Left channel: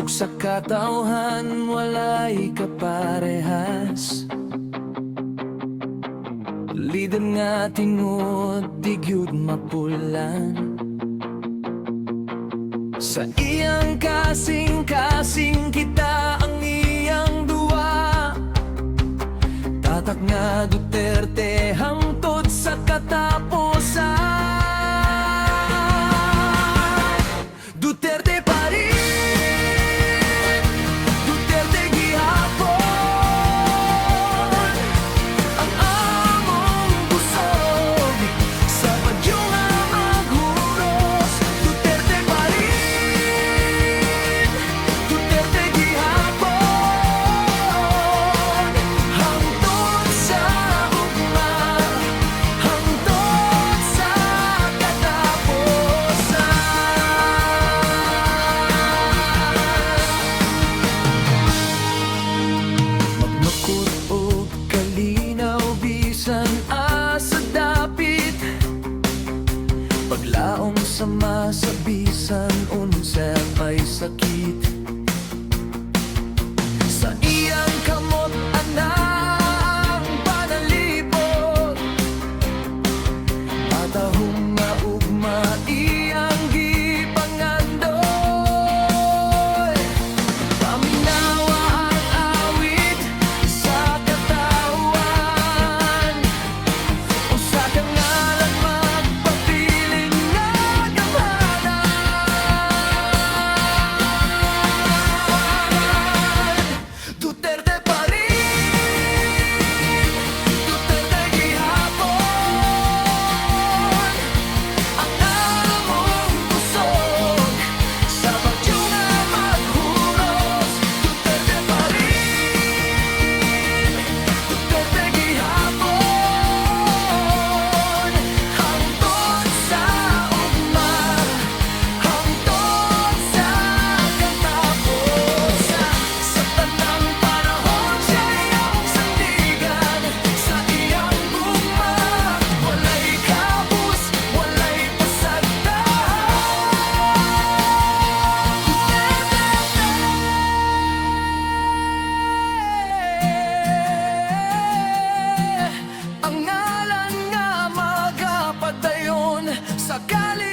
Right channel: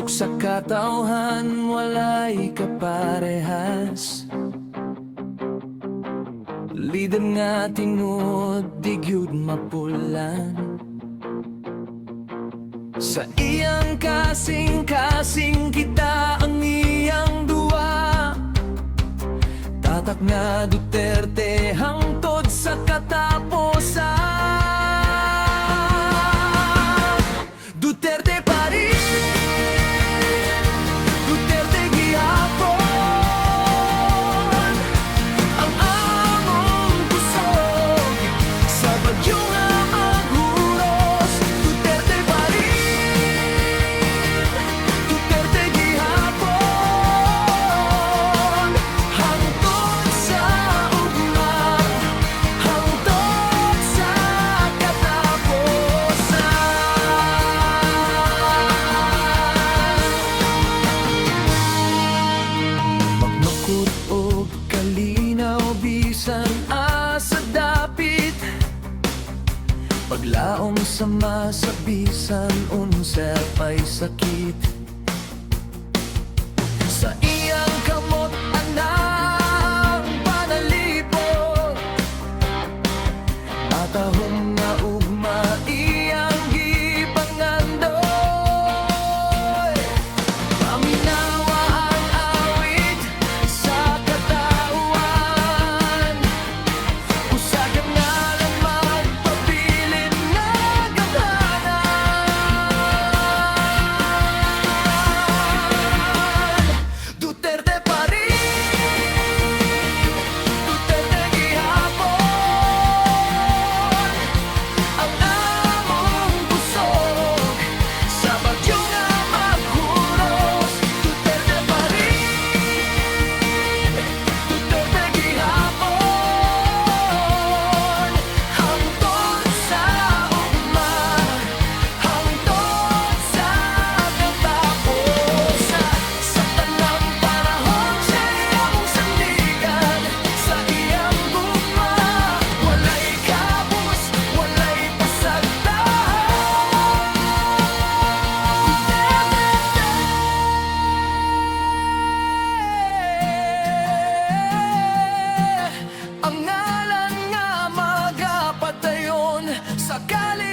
Pusok sa katauhan, walay kaparehas. Lider nga tinud, di gyud mapulan. Sa iyang kasing-kasing kita ang iyang duwa. Tatak nga Duterte hangtod sa katapusan. Duterte pa rin, Duterte gihapon. Ang among kusog sa bagyo nga maghuros. Duterte pa rin, Duterte gihapon. Hangtod sa ugma, hangtod sa magnukot o kalinaw bisan asa dapit. Paglaom sa masabisan unsa pa'y sakit. Sa iyang kamot anang panalipot, matahong nga ugma iyang gipangandoy. Paminawa ang awit sa katawan, usa ka ngalan magpabilin nga gamhanan. Duterte pa rin, Duterte gihapon. Ang among kusog sa bagyo nga maghuros. Duterte pa rin, Duterte gihapon. Hangtod sa ugma, hangtod sa katapusan. Sa tanang panahon siya'y among sandigan. Sa iyang gugma, walay kabus, walay pasagdahan. Duterte! Ang ngalan nga magapadayon sa kali